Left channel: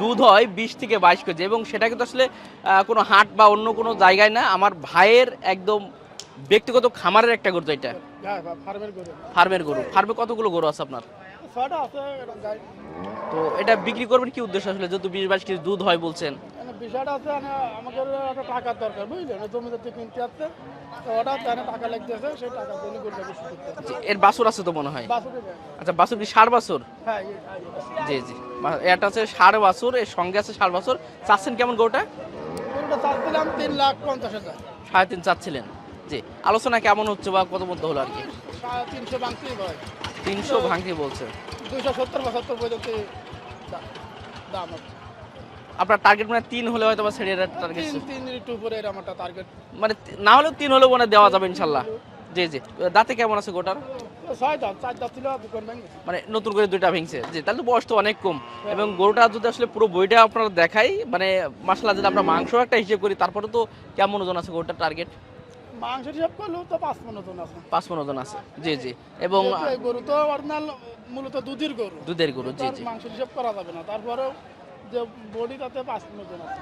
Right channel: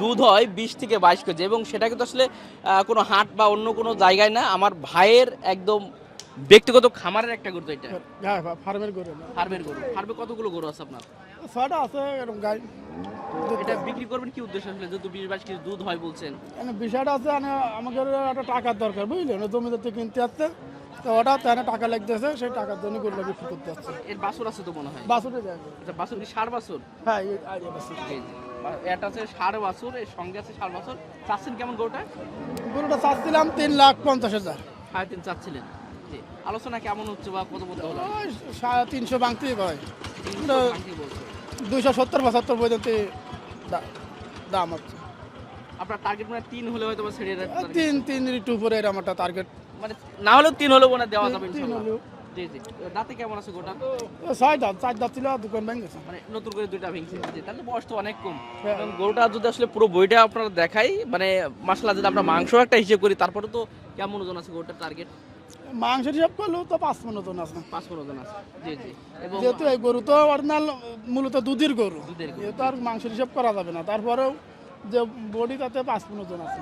দুধ হয় 20 থেকে 22 কেজি এবং সেটা কিন্তু আসলে কোনো হাট বা অন্য কোনো জায়গায় না, আমার ভাইয়ের একদম ব্যক্তিগত খামারের একটা গরু। এটা হ্যাঁ ফার্মের গরু। ফার্মের গরু। ফার্মে কতগুলো গরু আছে আপনার? 6টা আছে এরকম গাই। তো এটা বিক্রি করবেন কি উদ্দেশ্য আসলে, যেহেতু 20-22 কেজি দুধ হয় বলছেন? মানে বিষয়টা আছে আমাদের একটা টাকার দরকার বুঝলেন, জমিতে থেকে কিনতে আসছে তো ওটা তেনে টাকা লাগতেছে, সেই টাকার জন্য গরুটা বিক্রি করতে আসছে। এর বাছুর আছে তো মনে হয়। বাসুটে যায়। আচ্ছা, বাছুর কি ষাঁড় বাছুর? হ্যাঁ জি জি, এটা হচ্ছে ষাঁড় বাছুর, এর সঙ্গে আছে ষাঁড় বাছুর। চাচ্ছেন কেমন গরুটা? গরুটা চাচ্ছিলাম 3,50,000। 3.5 চাচ্ছিলেন। জি, আলোচনা কেমন হচ্ছে বা কত মধ্যে হলো আর কি? 350 ভাঙতেই হয়। 300 ভাঙতে বলছে। 270-75 পর্যন্ত দাম আছে। আপনার টার্গেট মানে 3 হলে হয়তো বা ছেড়ে টার্গেট, তিন একটু উপরে এরকম একটা টার্গেট। মানে না হলেও 3 হলে মনে হয় দেওয়া যাবে ইনশাল্লাহ। জি জি, দাঁতে কেমন আছে গোটার? 4 দাঁত ছিল, দোকান ভেঙেছে। মানে নতুন করে 2টা ভেঙছে। জি, তাহলে তো বয়স তো অনেক কম। এবং গরুটা যদি আসলে পুরো বইটা আপনারা দেখাই, মানে মাসলা যদি আমরা মাংস একটা হিসেব করি, তারপরে তো কেমন ওজন আছে গরুটার টার্গেট? মাংস হিসাব করলেও তো 5 মণ ওজন আছে। 5 মণ ওজন আছে। জি জি, এবং যেহেতু এই গরু তো অরিজিনাল মূলত দুধের গরু, দুধের গরু। জি তার জি, মাংস হিসাব করা যাবে না, তারপরেও যে বডি তাতে 5 মণ ওজন আছে।